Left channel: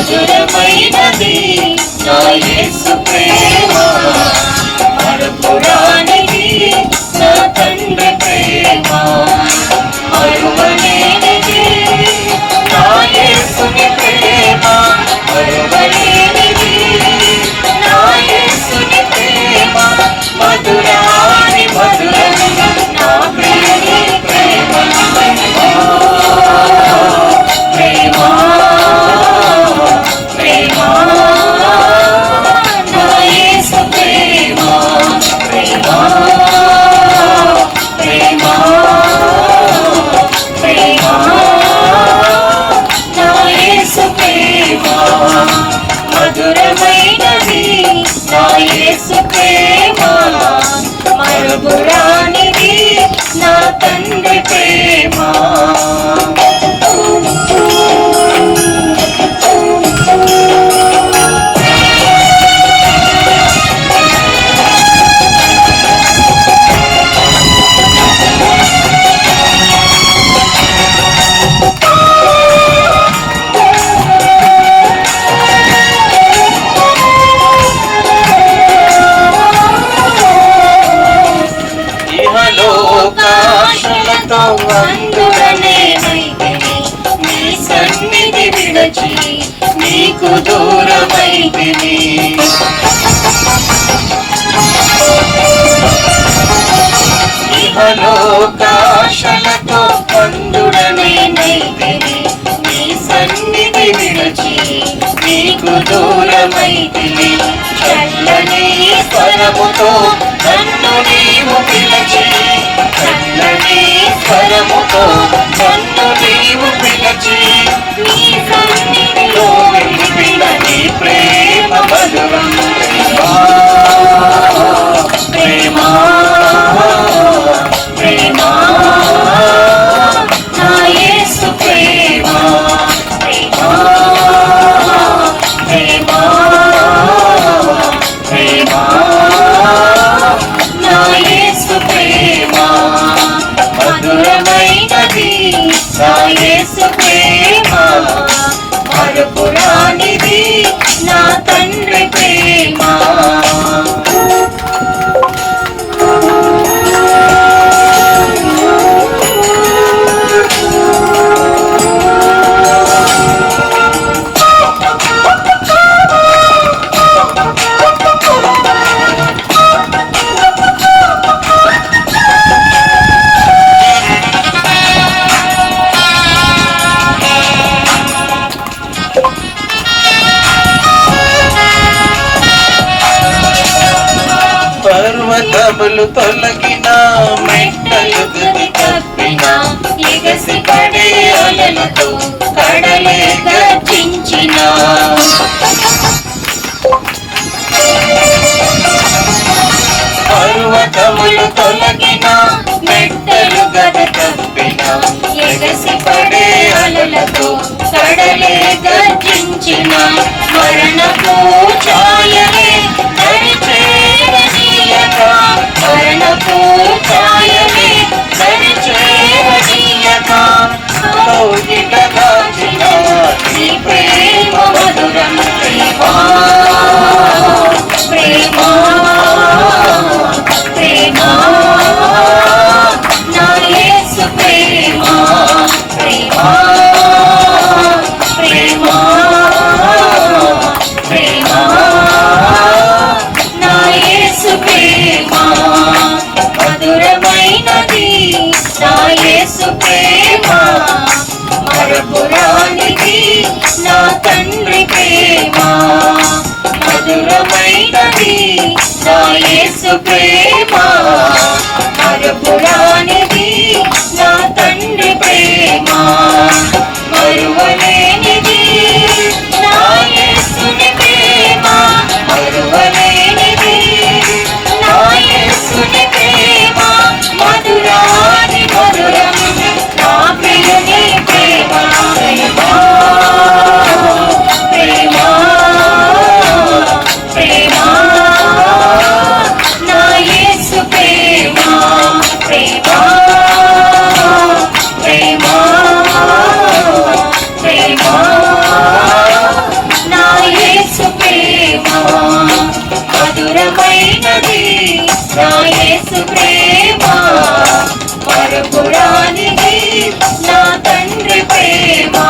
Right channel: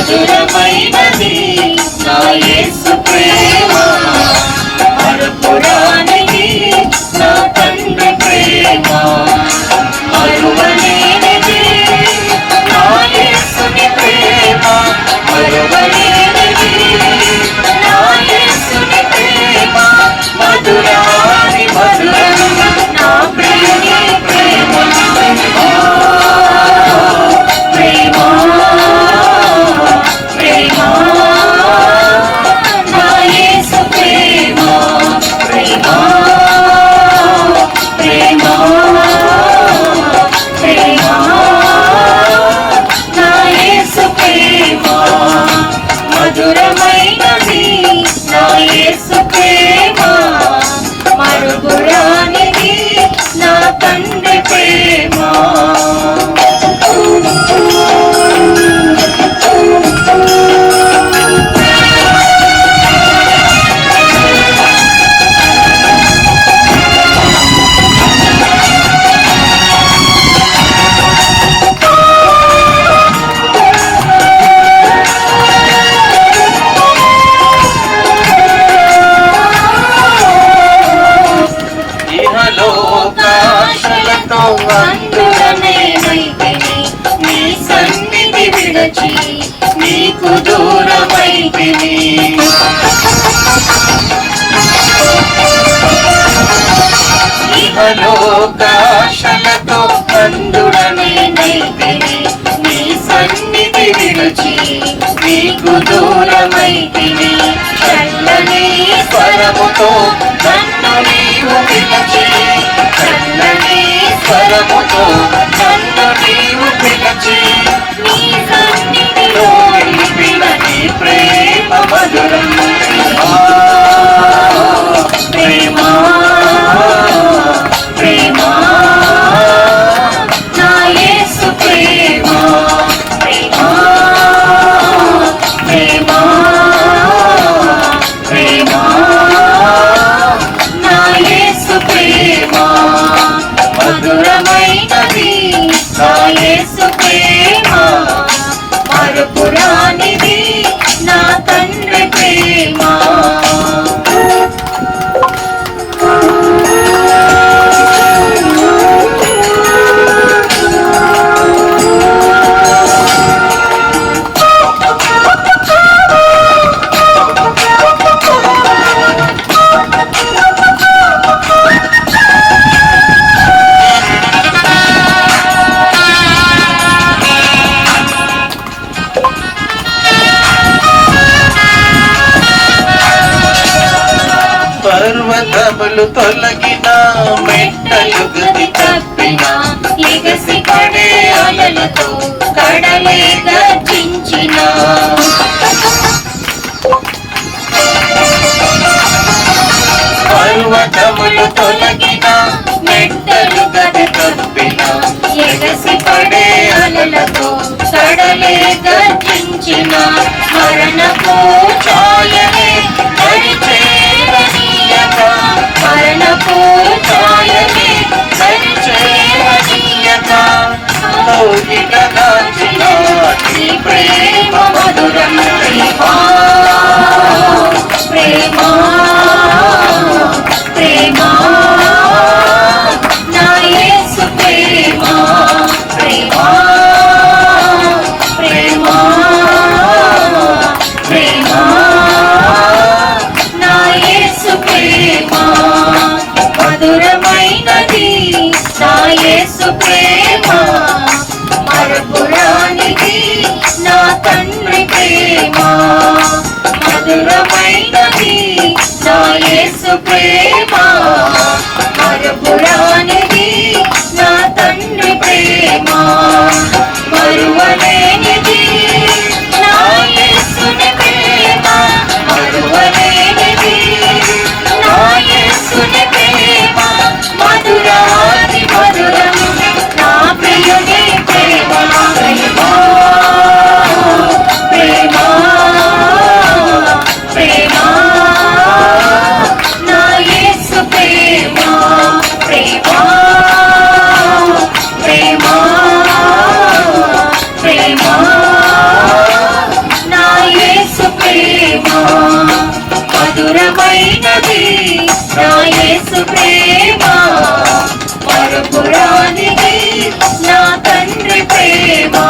మధురమైనది నా యేసు ప్రేమ. మరుపురానిది నా తండ్రి ప్రేమ. మరువలేనిది నా యేసుని ప్రేమ. మరువలేనిది నా యేసుని ప్రేమ. మధురమైనది సన్నిధి విడచి నీకు దూరమైతిని ఇహలోకాశలతో అందుడనే నైతిని నీ సన్నిధి విడచి నీకు దూరమైతిని చల్లని స్వరముతో నన్ను నీవు పిలచి చల్లని స్వరముతో నన్ను నీవు పిలచి. పర్వతములు తొలగిన మెట్టలు గది కప్పిన ఎగసి కడే అలలతో కడలే గర్జించిన. పర్వతములు తొలగిన మెట్టలు గద కప్పిన ఎగసి పడే అలలతో కడలే గర్జించిన. మరణపు ఛాయలే దరిచేరనీయక మరణపు ప్రేమ మధురమైనది నా యేసు ప్రేమ మరపురానిది నా తండ్రి ప్రేమ కలిగినది నా యేసు ప్రేమ. మరపురానిది నా తండ్రి ప్రేమ.